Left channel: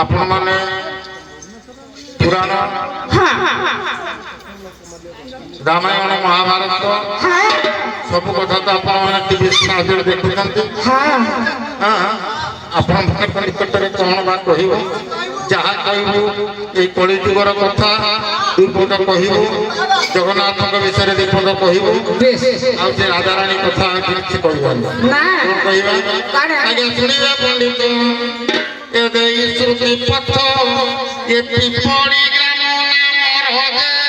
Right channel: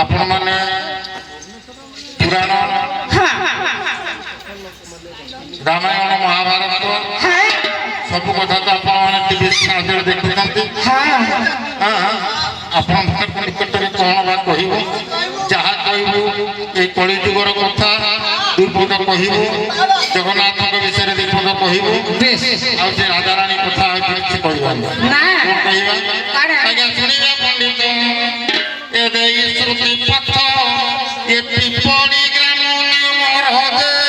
आपण माने पुराण रामायण महाभारत सब कथा तो आपण टीवी माध्यम देखुं आपण निकट में कौन बा कह जहाँ कहू ये कलिजुगर कथा दुपद कहू जगन्नाथ विषय दुपद कहू आज राजाराणी कथा किसी कहना शुणा पंडित श्रुति पथ ये पड़ी ग्राम नाम